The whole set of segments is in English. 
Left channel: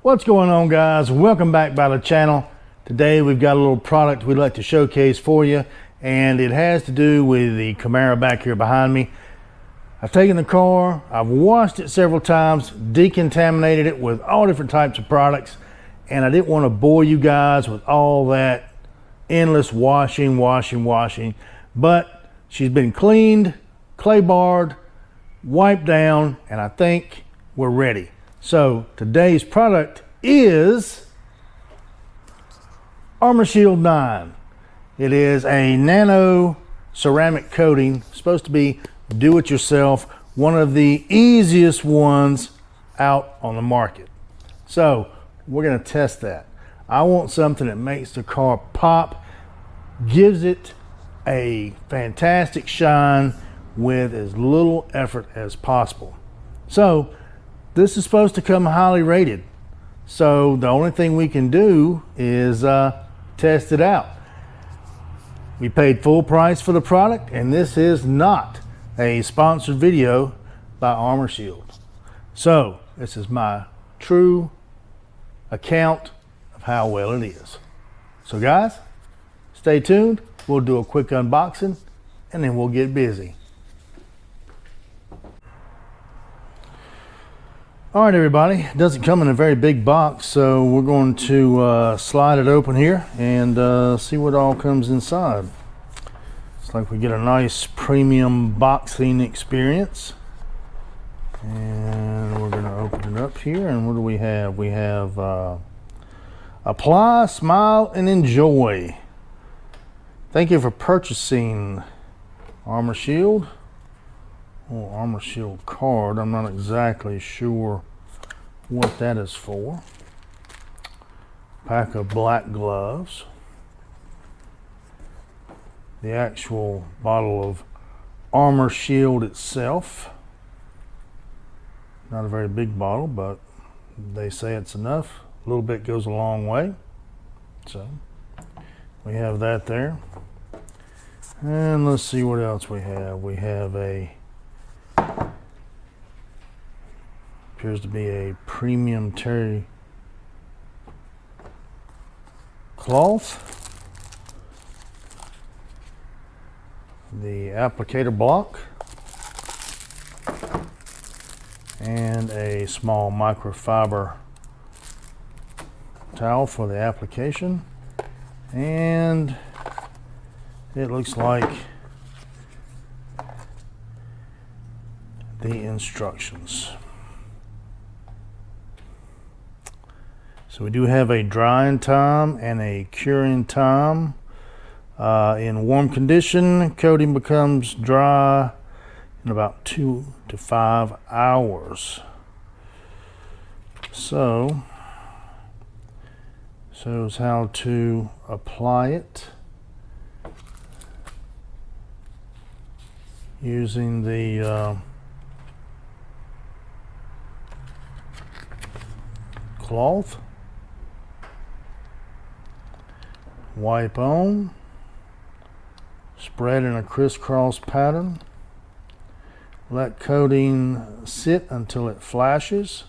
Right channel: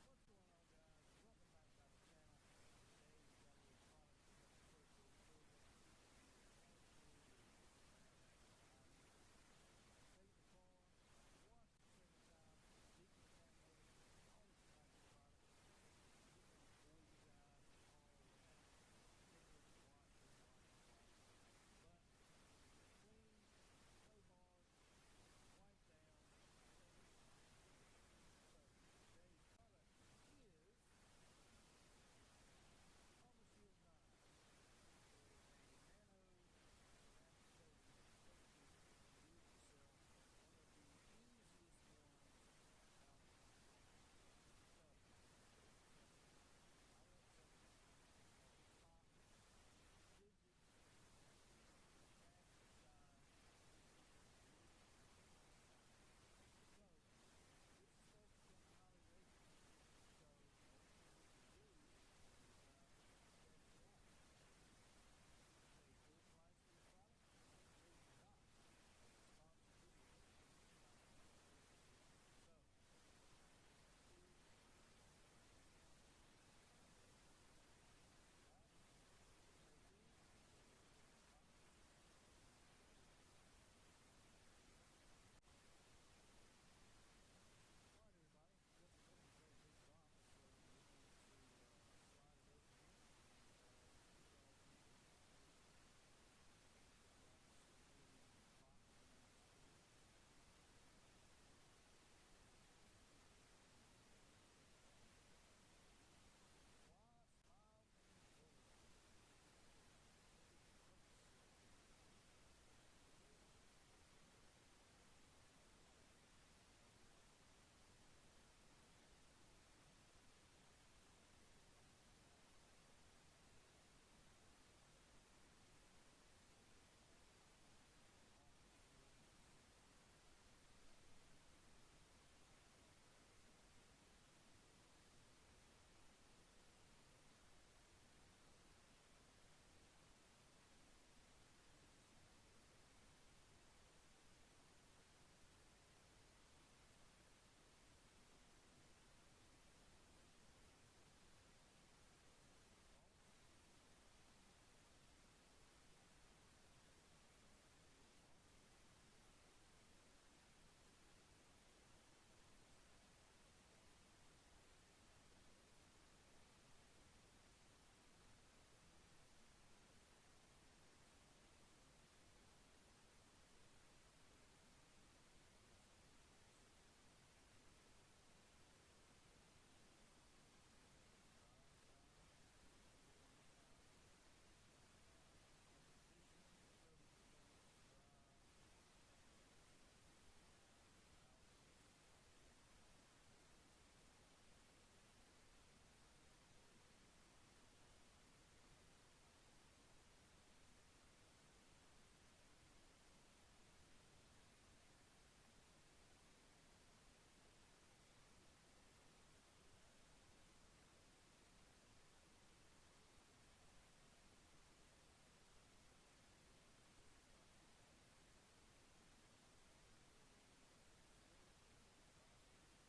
What's going on, guys? Welcome back by the channel. Today we've got a little product we'd like to showcase for you, and it has to do with the Camaro back here behind me. I've taken the car, I've washed it several times, decontaminated it with all different types of products, and I didn't want to bore you guys with all that endless washing, but she's been cleaned, clay barred, wiped down, and I think we're ready. So today's product is Armor Shield 9. It is a nano ceramic coating, supposed to be do-it-yourself, one of the easiest ones out on the market. So we're going to test that. I want something that makes the car pop, gives it a fantastic shine with as little effort as possible. So this is supposed to come highly rated. So the only thing we can do is test it out. We paid full price for the product, and this is not a sponsored video by Armor Shield. So this is my true account of how well it is. So guys, stay tuned. We'll do a quick unboxing and then we'll get busy. All right, everybody, it doesn't come in a very big box, so we're going to slide it open here and see what all comes inside. Looks like we get a nice premium boxing experience. And we're going to open it up here, and what do we have? We have apply, smile, and enjoy. Thank you for purchasing Armor Shield. Oh, Armor Shield card. I'm not exactly sure what that is for. Pack of black gloves. The actual bottle of Armor Shield itself. Not a very big bottle, but they say it's enough. A little bit goes a long way. So we have that there. And let's see what else we have. We have appears to be a premium terry cloth, the applicator block, and a small microfiber towel for the application, and it looks like the instructions. So we do have a drying time and a curing time. In warm condition, coating becomes dry in about 2 to 5 hours. So, shows how to apply it using the cloth. Wipe on, spread in a crisscross pattern, let coating sit until it flashes,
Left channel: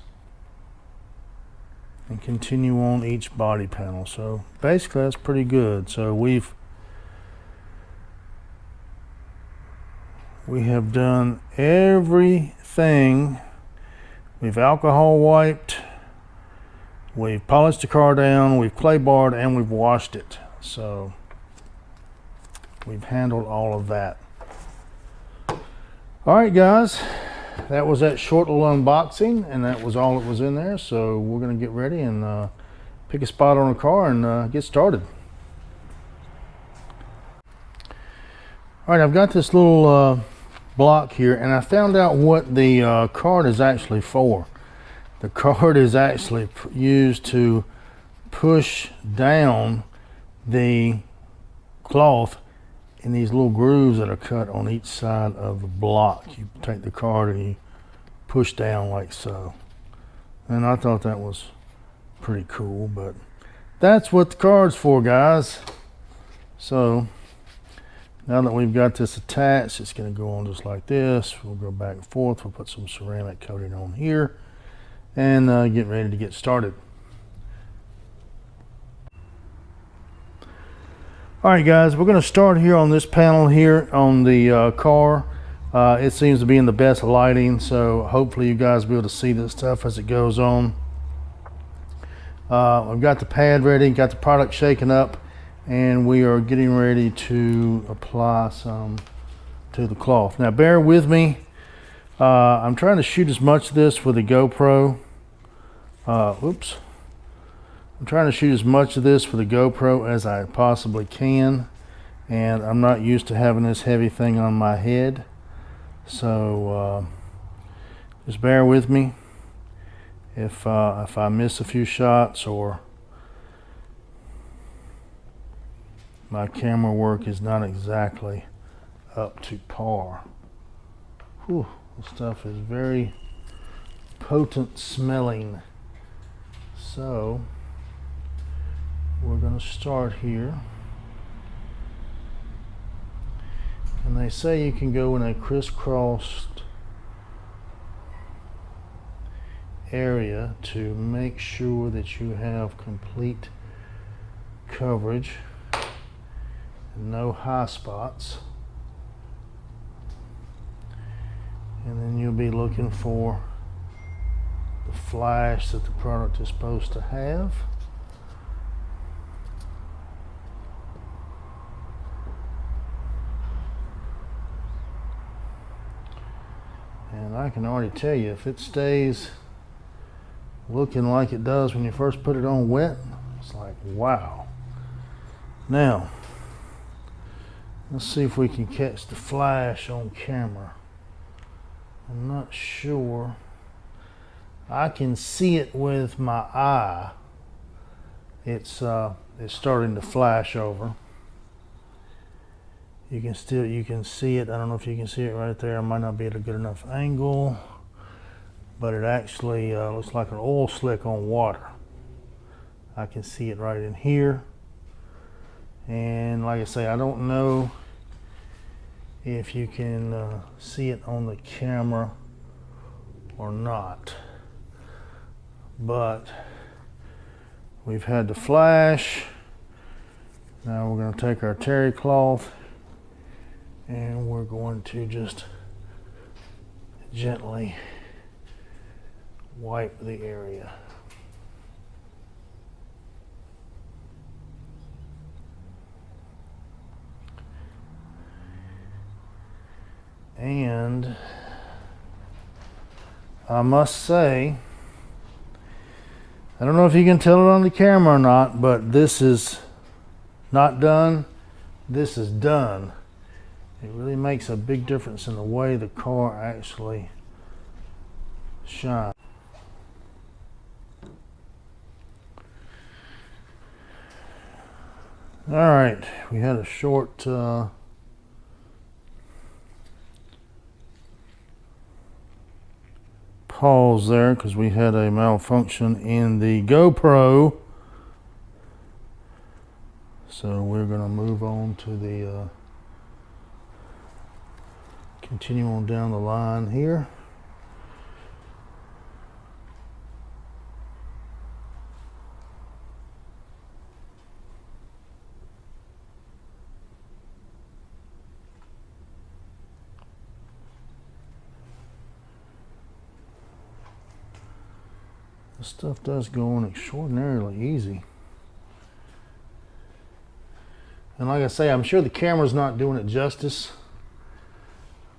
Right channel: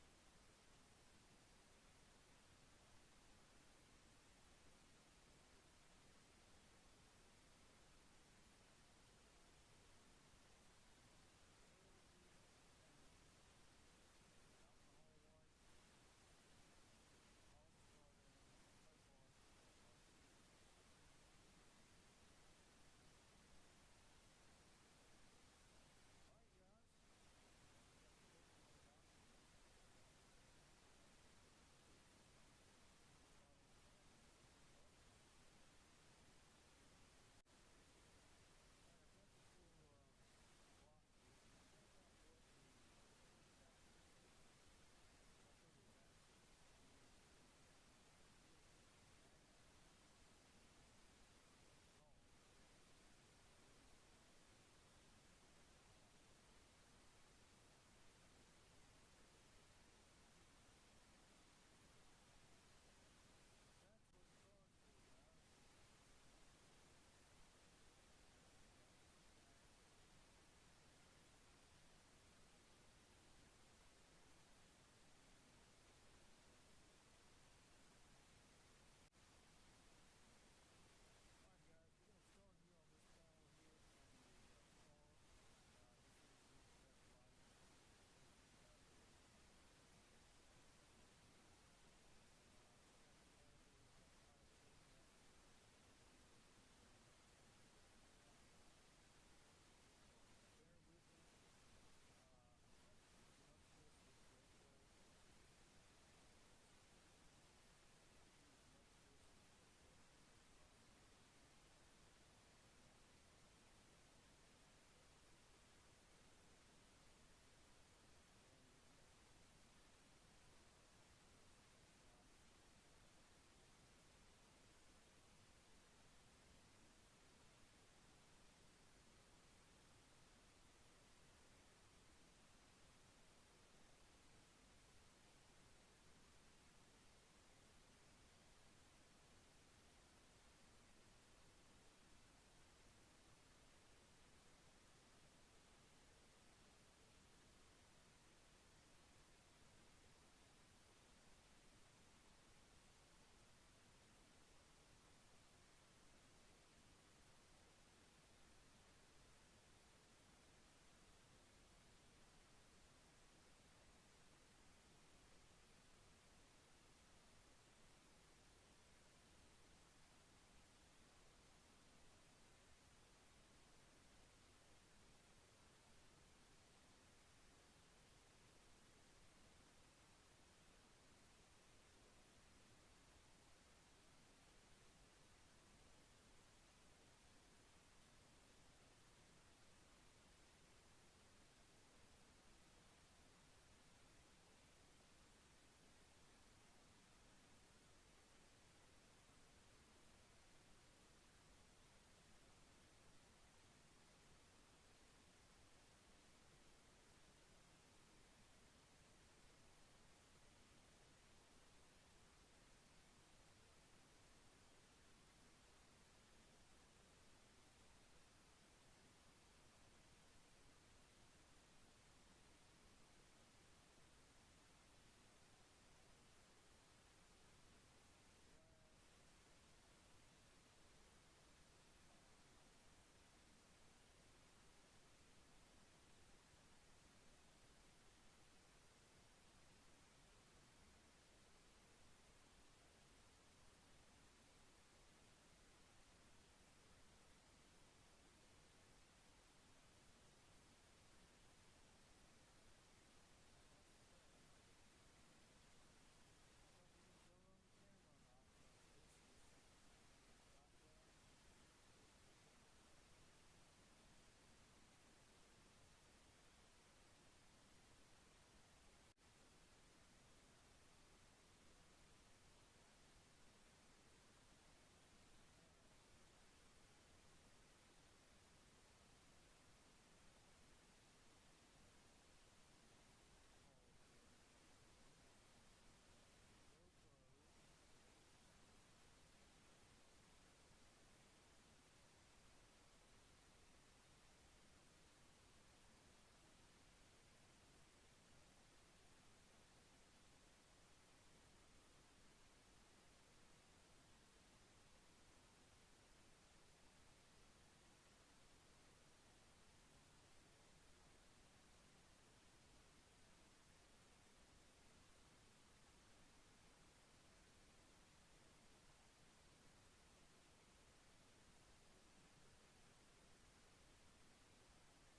and continue on each body panel. So basically that's pretty good. So we have done everything. We've alcohol wiped, we've polished the car down, we've clay barred, and we've washed it. So we've handled all of that. All right, guys, that was that short little unboxing, and that was all that was in there. So we're going to get ready and pick a spot on the car and get started. All right, I've got this little block here, and I found out what the card is actually for. The card is actually used to push down the cloth in these little grooves that are cut on each side of the block. You take the card and you push down like so. And I thought that was pretty cool, but that's what the card's for, guys. So now that we've got this attached, it's going to go on just like this. We'll go back and forth. We'll put some ceramic coating on here and get ready to get started. All right, guys, we're going to start here on this panel here on the car. It seems to be in the best lighting, so hopefully you guys will be able to see this stuff as it goes on. I've got the pad ready, got the product shaken up, and we are getting ready to apply some to the cloth. Now bear with me. I'm trying to shoot as much of this with the GoPro. Oops. I'm trying to shoot as much of this with the GoPro as I possibly can, and I'm not used to having this heavy thing on my head, so just bear with me if I miss a few shots or my camera work is not exactly up to par. Whew, this stuff is very potent smelling. So we're going to start here, and they say you can go in a crisscrossed area to make sure that you have complete coverage and no high spots, and then you'll be looking for the flash that the product is supposed to have. And I can already tell you, if it stays looking like it does when you first put it on wet, it's like, wow. Now, let's see if we can catch the flash on camera. I'm not sure. I can see it with my eye. It's starting to flash over. You can see it. I don't know if you can see it right there. I might not be at a good enough angle, but it actually looks like an oil slick on water. I can see it right in here. And like I say, I don't know if you can see it on the camera or not, but we've had the flash. Now we're going to take our terry cloth and we're going to just gently wipe the area. And I must say, I don't know if you can tell it on the camera or not, but this is not done. This is done. It really makes a big difference in the way the car actually shines. All right, we had a short pause there because we had a malfunction in the GoPro. So we're going to move on to the continue on down the line here. This stuff does go on extraordinarily easy. And like I say, I'm sure the camera's not doing it justice,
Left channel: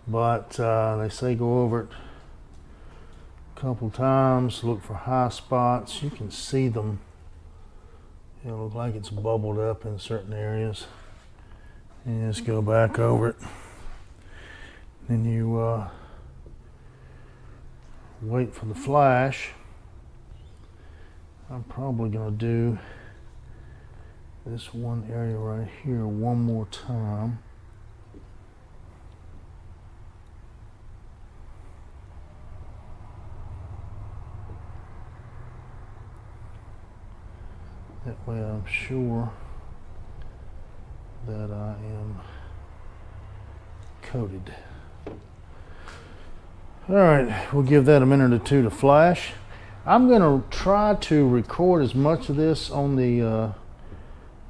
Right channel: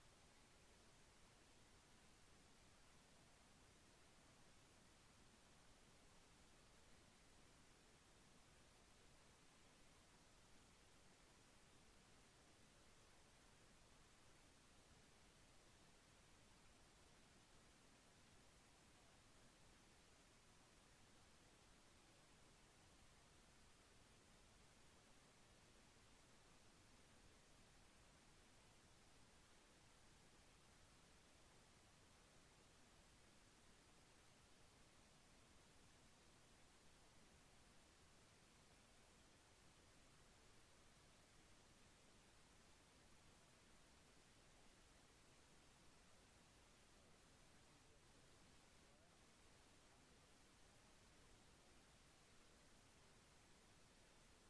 but they say go over it a couple times, look for high spots. You can see them. It'll look like it's bubbled up in certain areas. And just go back over it. Then you wait for the flash. I'm probably going to do this one area right here one more time. That way I'm sure that I am coated. All right, we'll give that a minute or two to flash. I'm going to try to record as much of this on the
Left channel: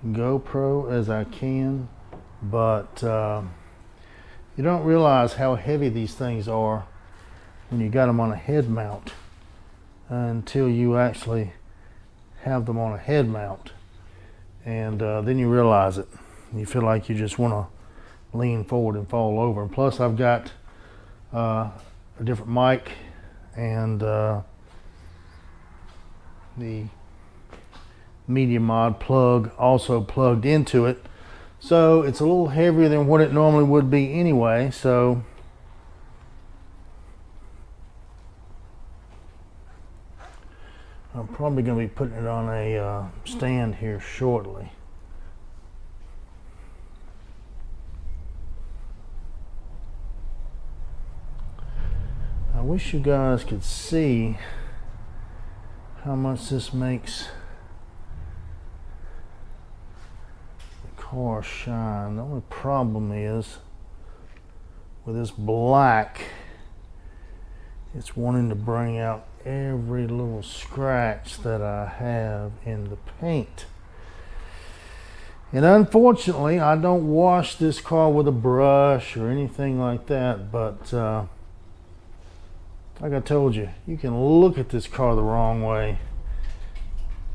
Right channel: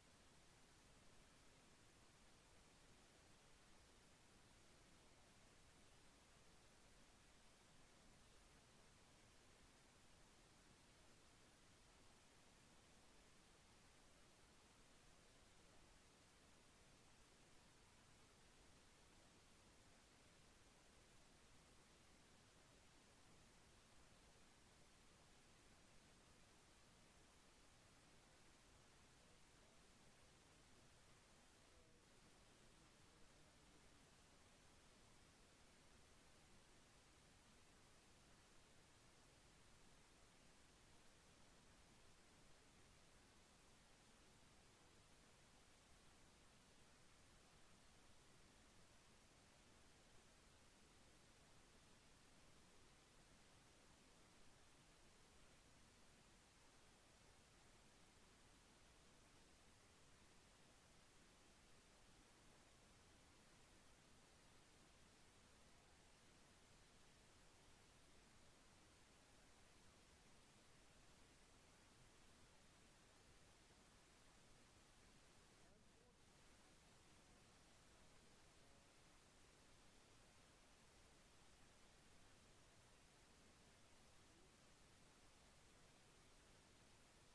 GoPro as I can, but you don't realize how heavy these things are when you got them on a head mount until you actually have them on a head mount, and then you realize it. You feel like you just want to lean forward and fall over. And plus I've got a different mic and the Media Mod plug also plugged into it, so it's a little heavier than what it normally would be anyway. So I'm probably going to be putting it on a stand here shortly. I wish you guys could see how much this makes the car shine. The only problem is with this black, it's wanting to bring out every little scratch that I have in the paint. And unfortunately, I don't wash this car with a brush or anything like that, but like I told you, you can look at this car the wrong way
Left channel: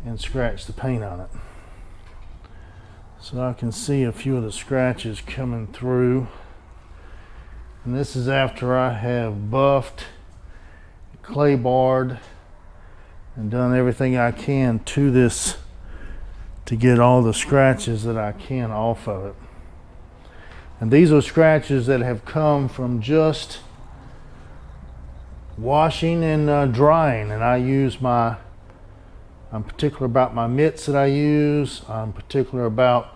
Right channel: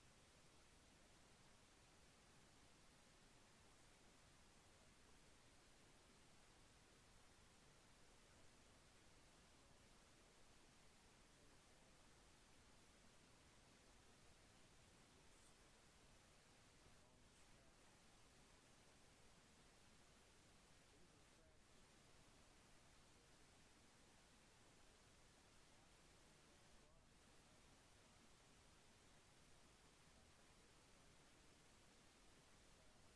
and scratch the paint on it. So I can see a few of the scratches coming through. And this is after I have buffed, clay barred, and done everything I can to this to get all the scratches that I can off of it. And these are scratches that have come from just washing and drying. And I use I'm particular about my mitts that I use. I'm particular about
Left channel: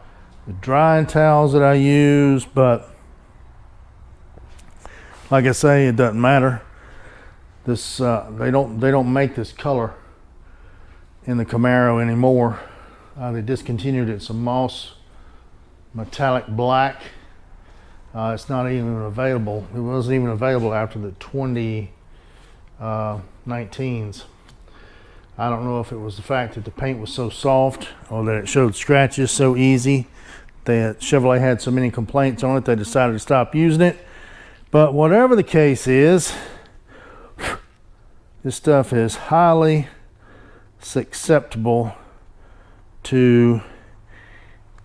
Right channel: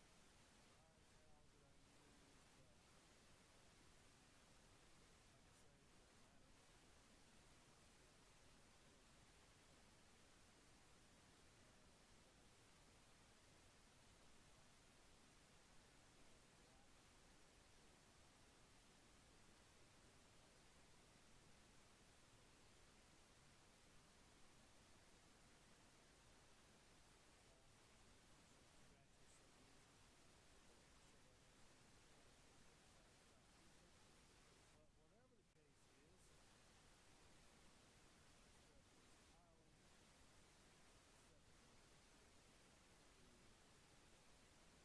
the drying towels that I use, but like I say, it doesn't matter. This they don't make this color in the Camaro anymore. They discontinued it. It's a moss metallic black. It's not even available. It wasn't even available after the 2019s. I don't know if it was the fact that the paint was so soft or that it showed scratches so easy that Chevrolet had so many complaints on it they decided to stop using it. But whatever the case is, this stuff is highly susceptible to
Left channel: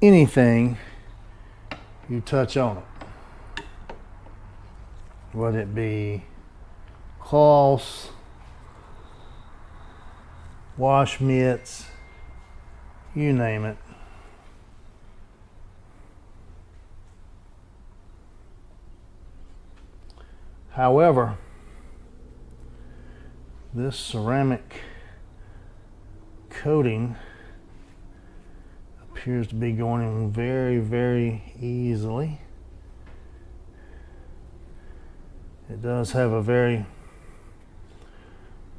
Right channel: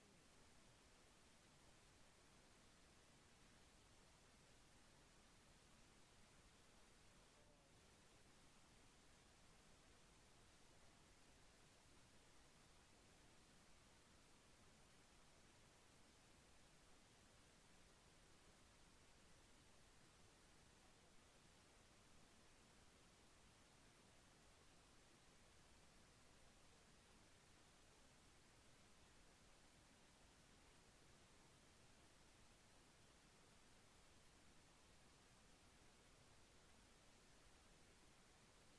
anything you touch on it, whether it be cloths, wash mitts, you name it. However, this ceramic coating appears to be going in very, very easily. It does have a very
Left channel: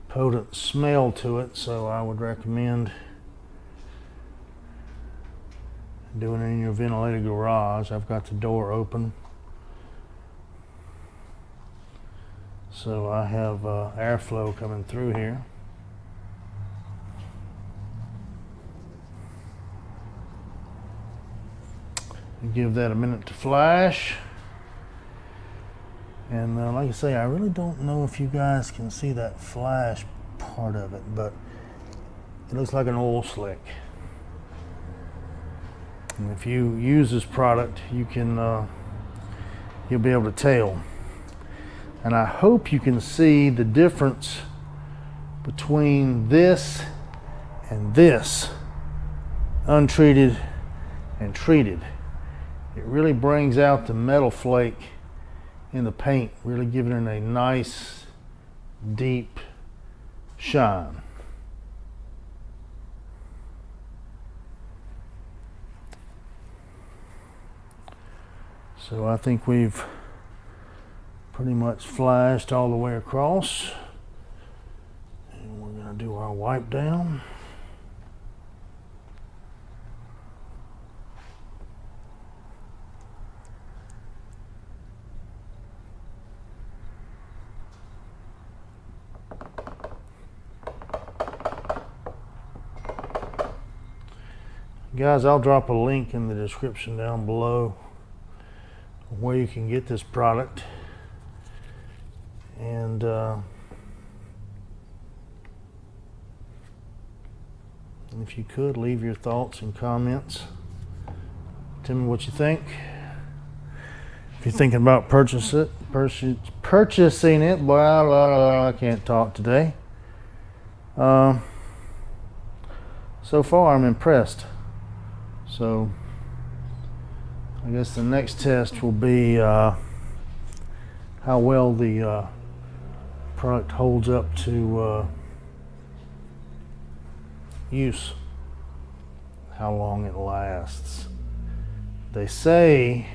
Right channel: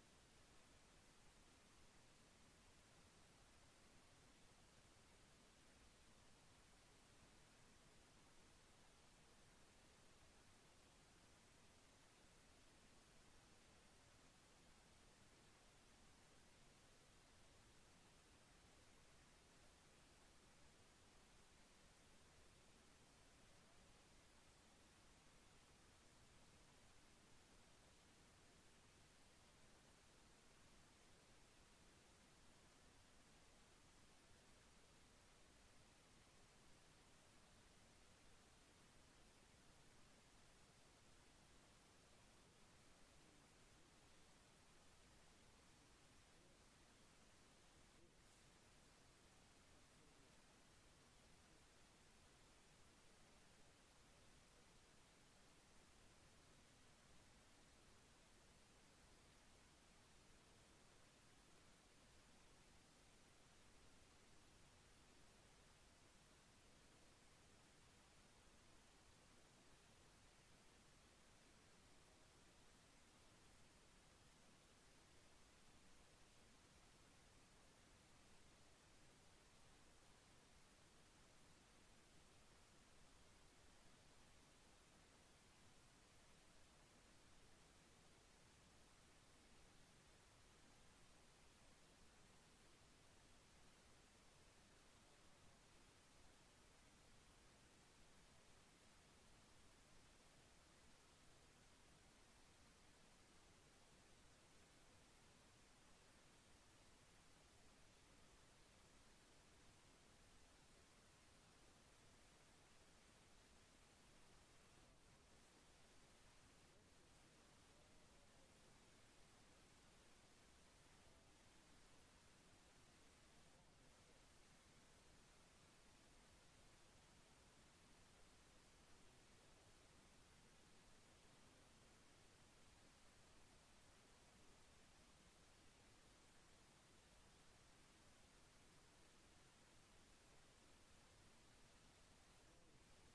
potent smell to it, so I would recommend doing it in your ventilated garage. I've got the door open, so I have airflow coming through here. Give that a minute to flash. And like I say, I really don't know if you guys can see that flash part of it, but it looks like an oil slick. And if you use this product, you can you'll be able to tell. And I hope you can see the difference between this and this, untreated and treated. It really brings out the metal flake in the paint, really giving it a nice deep shine. So I think we've pretty much flashed all the way across, and we're going to do our wipe down. Guys, I'll drop a link in the description down below where you can get this product. And if you could, leave your thoughts and comments. Tell me what you think. If you're thinking about purchasing it, blah, blah, blah, I can't talk today. So far, I'm impressed. So I guess the next test will be how well the product holds up to use, how long it lasts. They say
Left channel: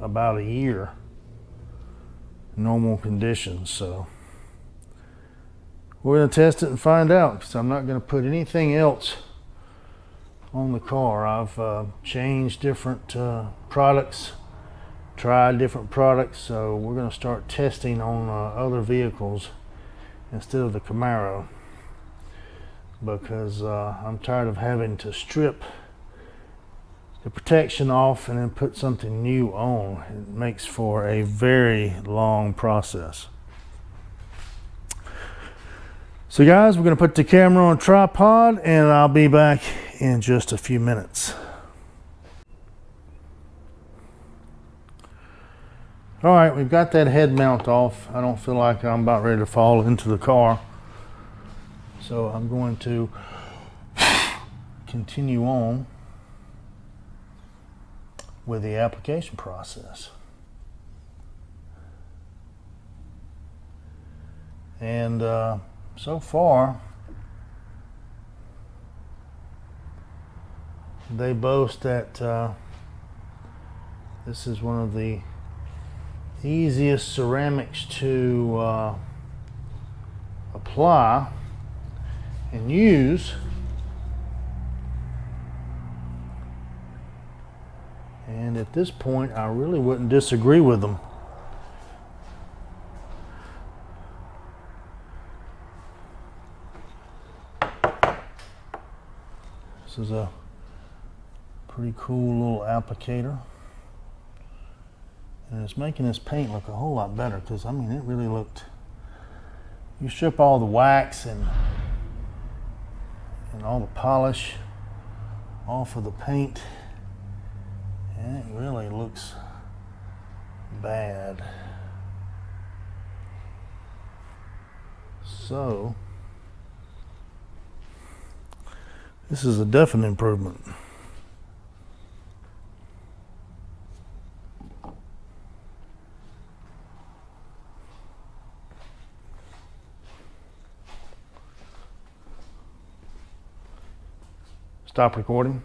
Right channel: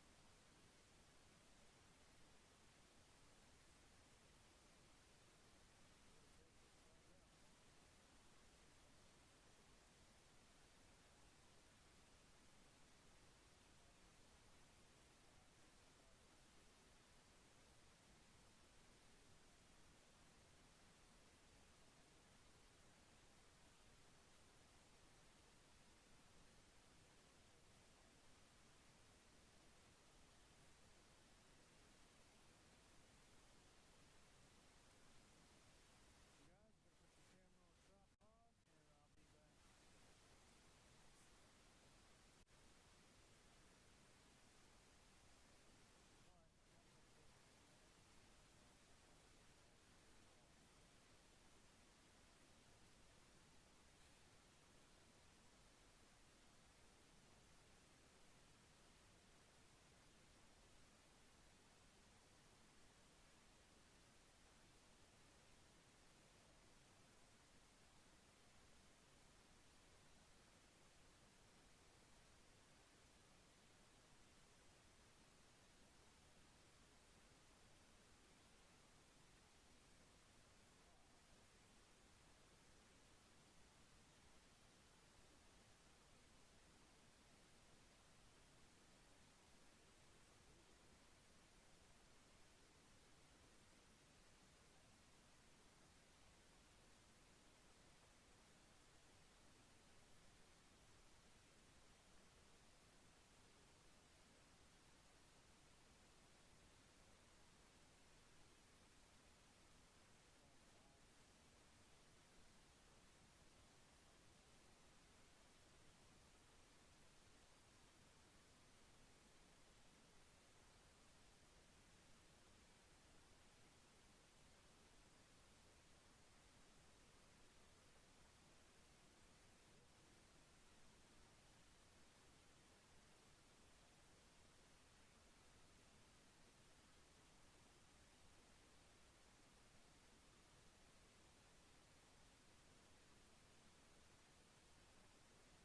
about a year, normal conditions. So we're going to test it and find out, because I'm not going to put anything else on the car. I've changed different products, tried different products, so we're going to start testing on other vehicles instead of the Camaro, because I'm tired of having to strip the protection off and then put something new on. It makes for a very long process. So guys, we're going to put the camera on a tripod and I'll be back in just a few minutes. All right, we've got that head mount off. I don't feel like I'm about ready to fall into the car. So I'm going to continue on with the application process. And so far, they boast that this is one of the easiest ceramics to apply and use. And at this point, I really wouldn't disagree with them. This is a pretty cool little applicator. And it's making this paint look a whole lot better, because I mean, it really looked, you strip all the wax and all the polish off of the paint, and it really looks bad. So this is a definite improvement. Stop recording.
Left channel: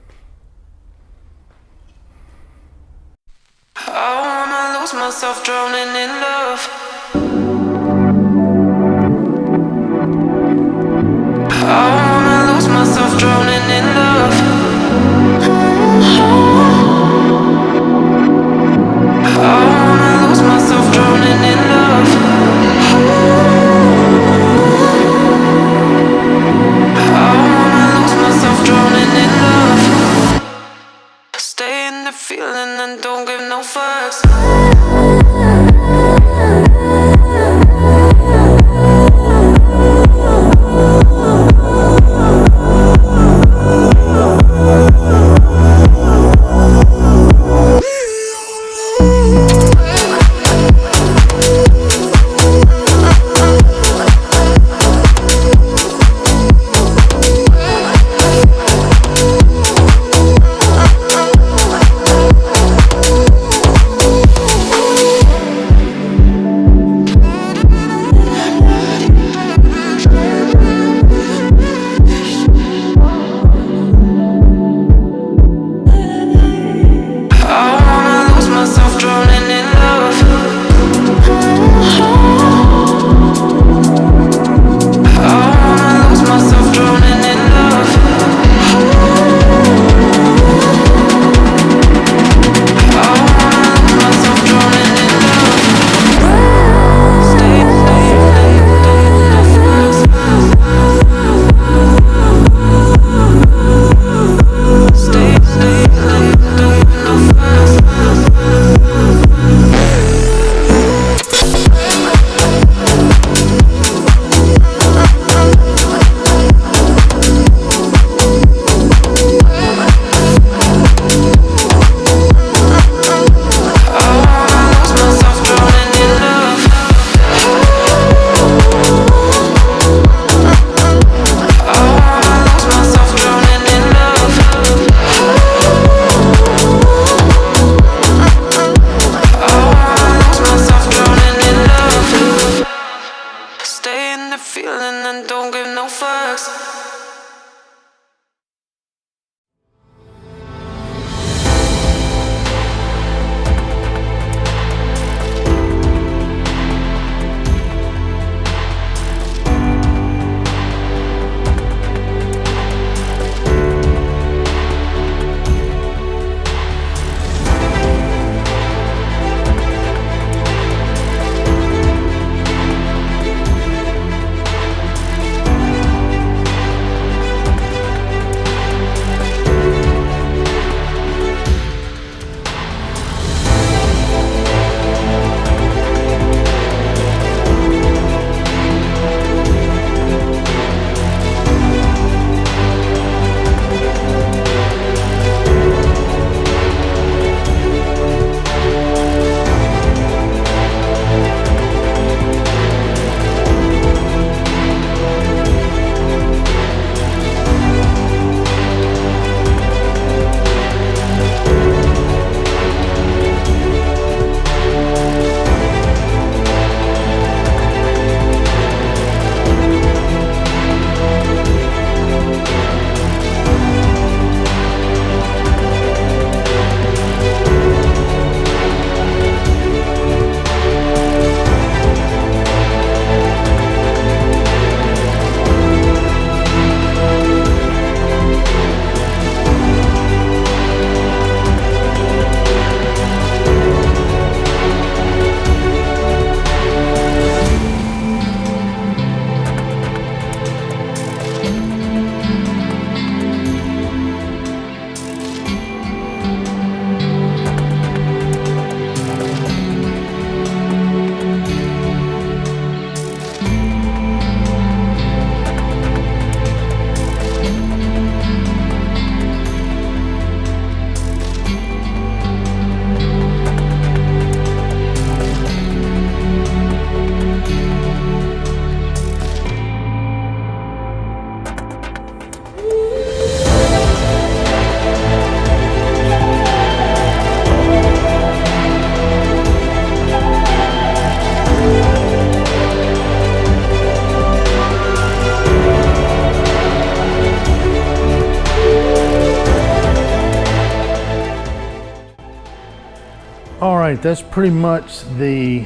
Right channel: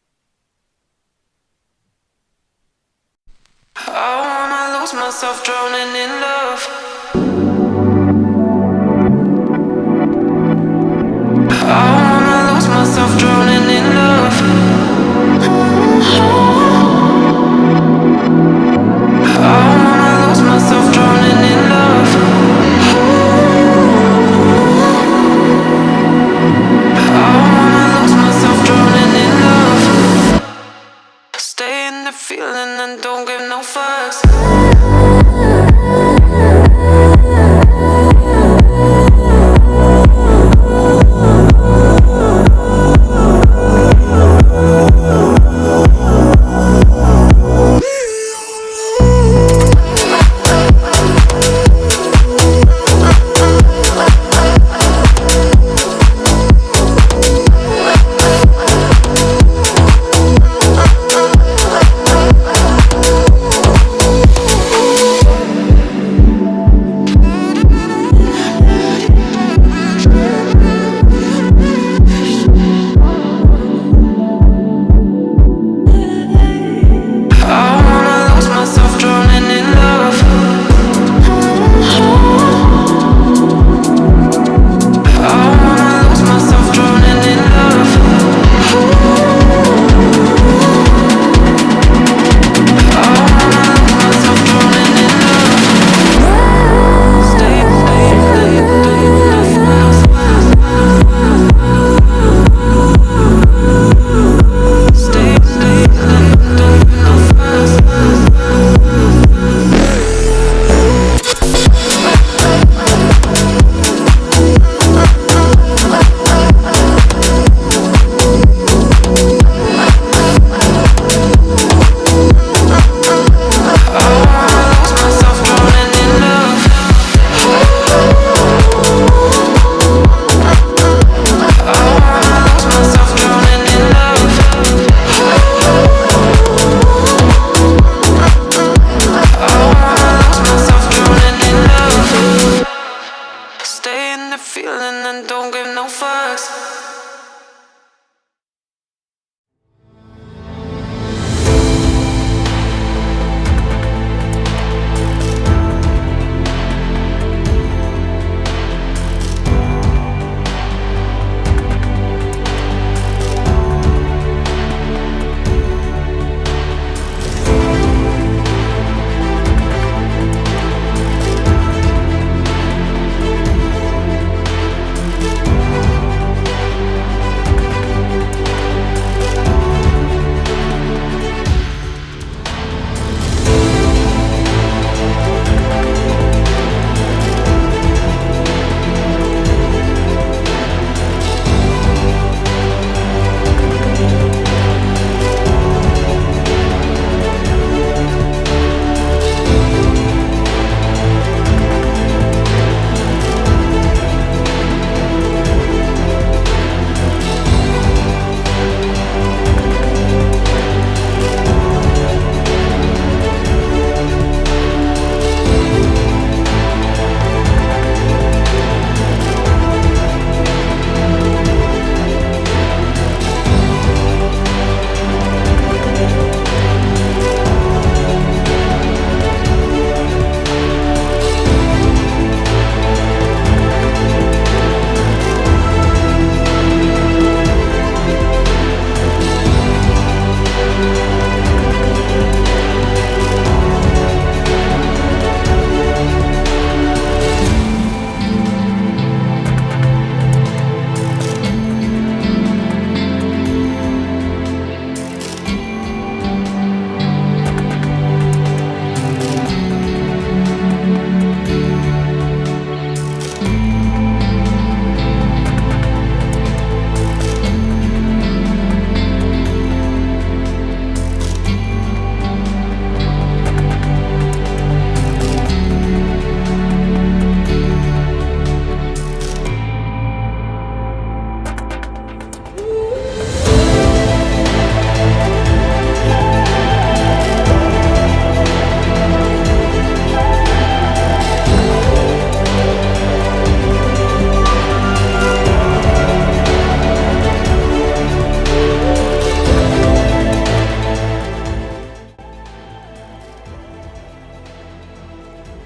right, that's pretty much the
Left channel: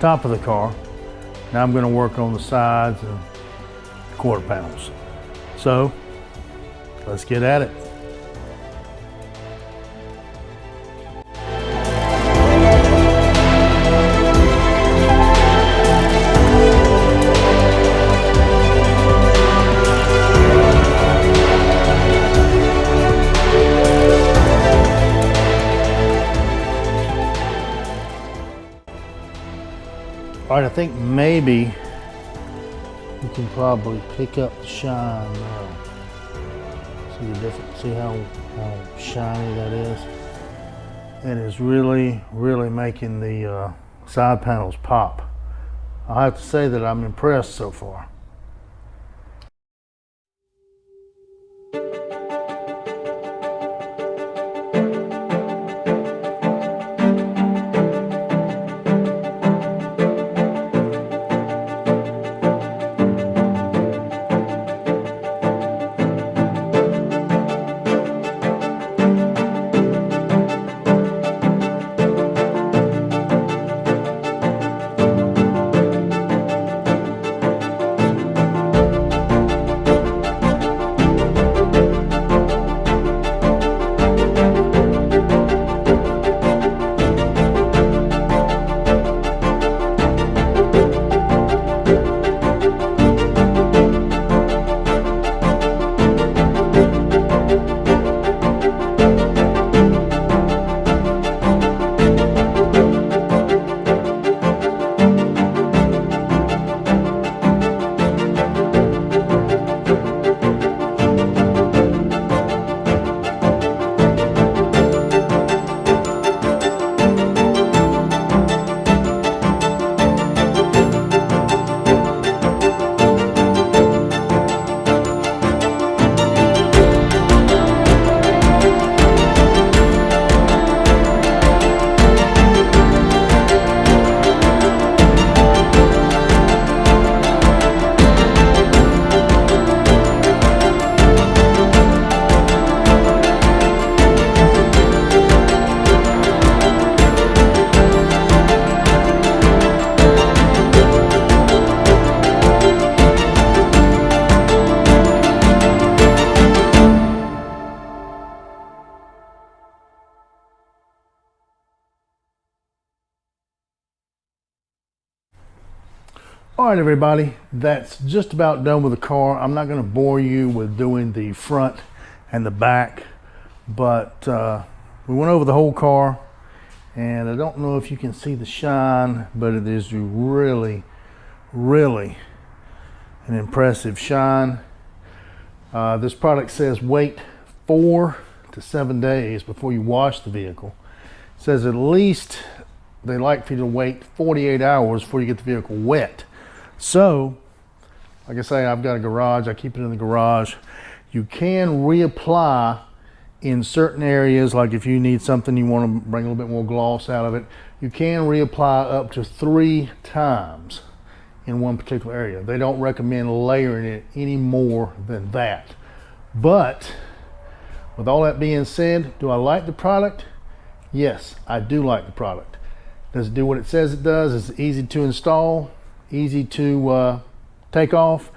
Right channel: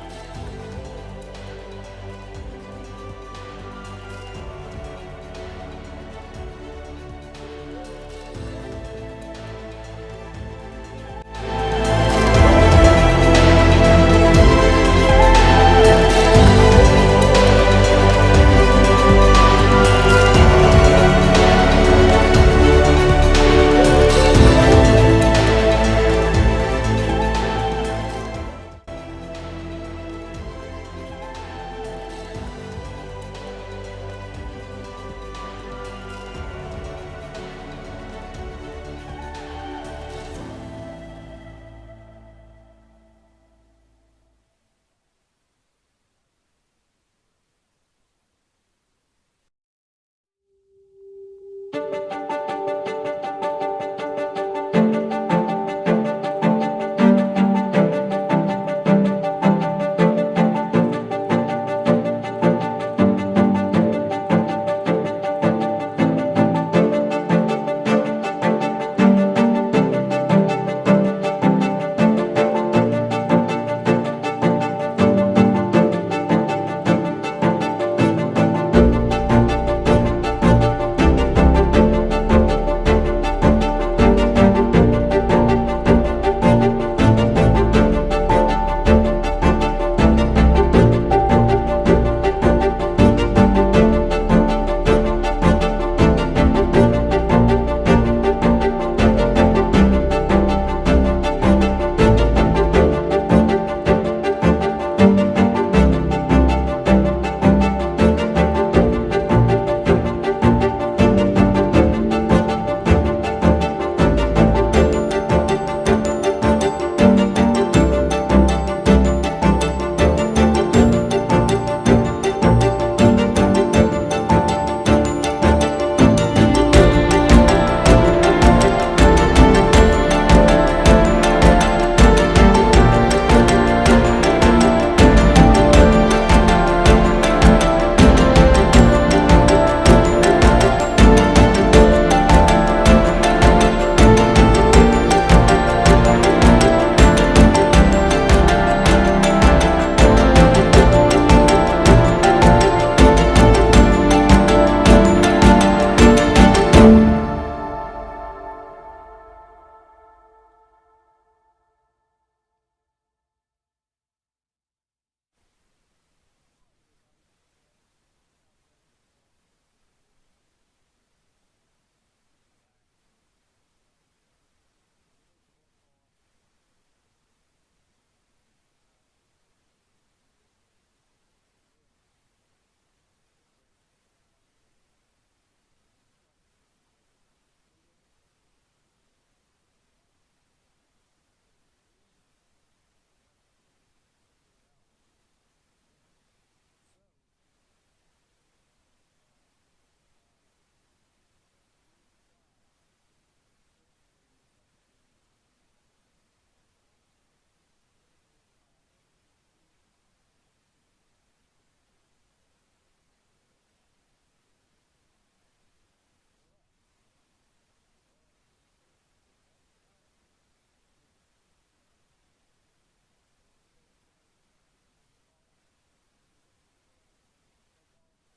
top of the car. Now I'm going to work on the sides and quarter panels. So let's get at it. All right, I think maybe you can probably pick up the shine now. See the difference, see how shiny that is? It is really, really making the side panels pop. I have to say that I'm impressed so far. All right, everybody, that's just about done with the car. I'm not going to bore you with doing the front and the back, but we went over the whole car, and I don't know if you can see the shine, but it is really, really an impressive shine. This product says wait 4 to 7 days before you wash the vehicle. It says at least they like for you to wait 48 hours before you get the vehicle wet. So, like I say, I've got a garage. I keep it in the garage. You can reapply in certain areas, like if you need something, you want to bring a little bit more gloss out of it, you can reapply up to 3 times in one particular area. They don't recommend layering it any more than that. But with all that being said, do I like the product? Yes, I do like the product. Does it do what it says it does? Is it easy to install? Easy to take off?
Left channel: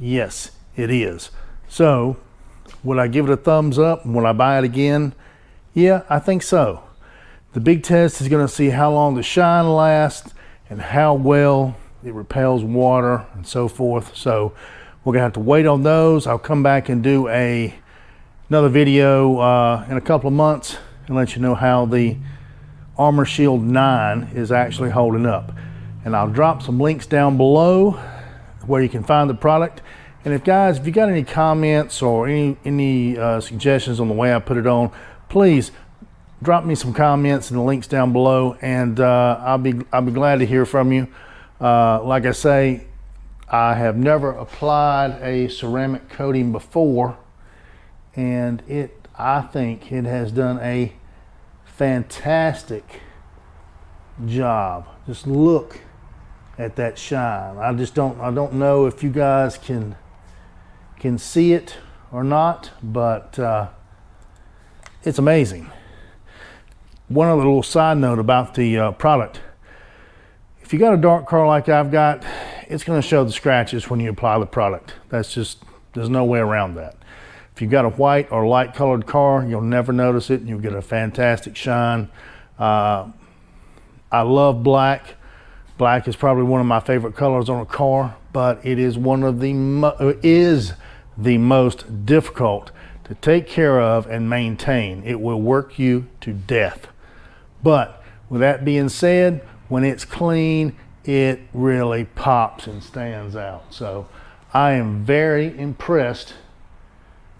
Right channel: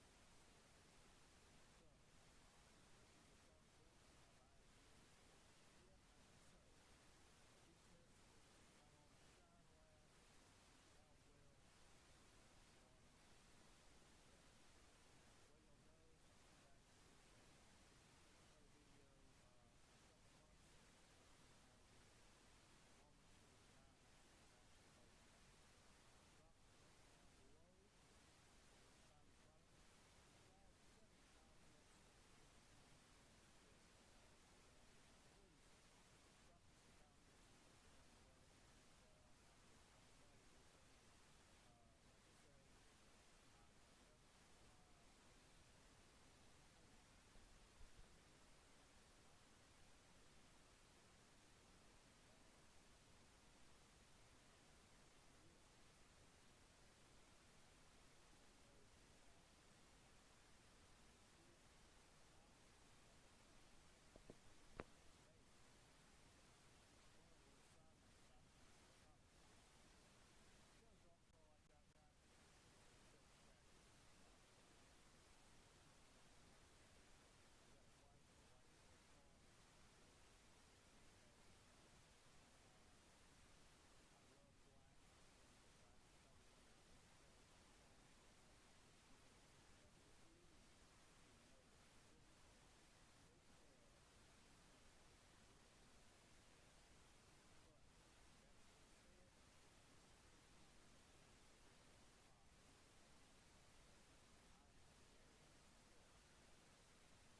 Yes, it is. So, would I give it a thumbs up? Will I buy it again? Yeah, I think so. The big test is going to see how long the shine lasts and how well it repels water and so forth. So, we're going to have to wait on those. I'll come back and do another video in a couple of months and let you know how the Armor Shield 9 is actually holding up. And I'll drop some links down below where you can find the product. And if you got any comments or any suggestions on the way I put it on, please drop me some comments and the links down below, and I'll be glad to hear from you. Like I say, I have never applied a ceramic coating before, and I think it has done a fantastic job. Just look at that shine. I don't know if you guys can see it or not, but it's amazing. one other little side note about the product. If you got a dark car like I've got, it's going to show the scratches when you apply the product. That's just, there's no way around that. If you've got a white or light colored car, you'll never notice it and you'll get a fantastic shine. I love black. Black is probably one of my favorite colors on a car, but it is one of the most difficult to take care of and maintain. It will work you to death. But with that being said, when it's clean, it really pops and stands out. So I am very impressed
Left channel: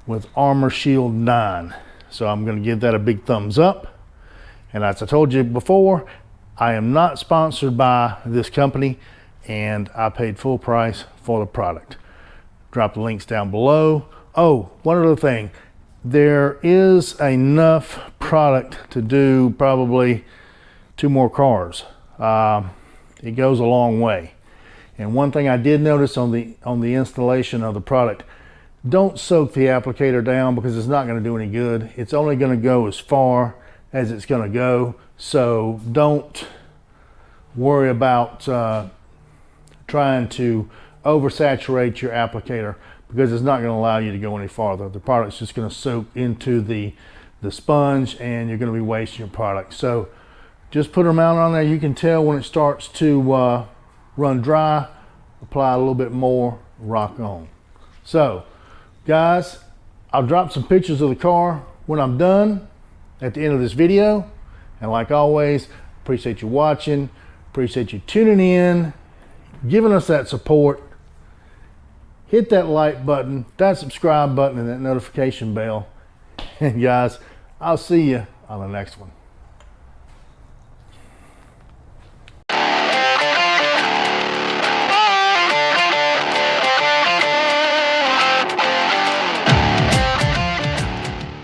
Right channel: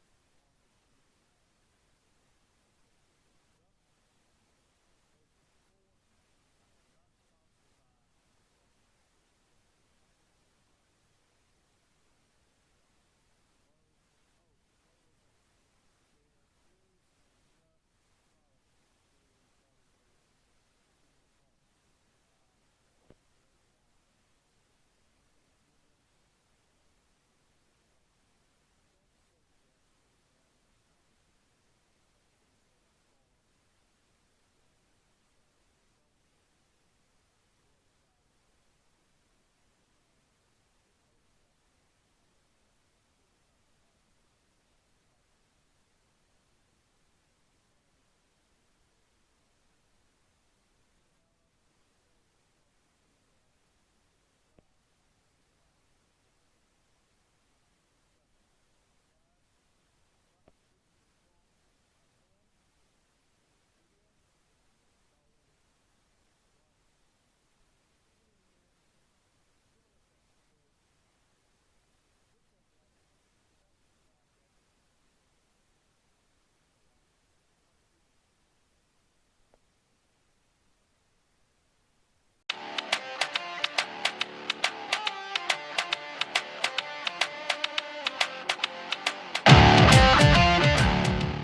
with Armor Shield 9. So I'm going to give that a big thumbs up. And as I told you before, I am not sponsored by this company, and I paid full price for the product. Drop the links down below. Oh, one other thing. There is enough product to do probably 2 more cars. It goes a long way. And one thing I did notice on the installation of the product, don't soak the applicator down because it's not going to do any good. It's only going to go as far as it's going to go. So don't worry about trying to oversaturate your applicator, because it's not going to allow you to go any farther. The product's just going to soak into the sponge and you're going to be wasting your product. So just put them out on there. You can tell when it starts to run dry, apply a little bit more, rock on. So guys, I'll drop some pictures of the car when I'm done at the end of this video. And like always, appreciate you watching, appreciate you tuning in, giving us that support. Hit that like button, that subscribe button, and that notification bell. And guys, I'll see you on the next one.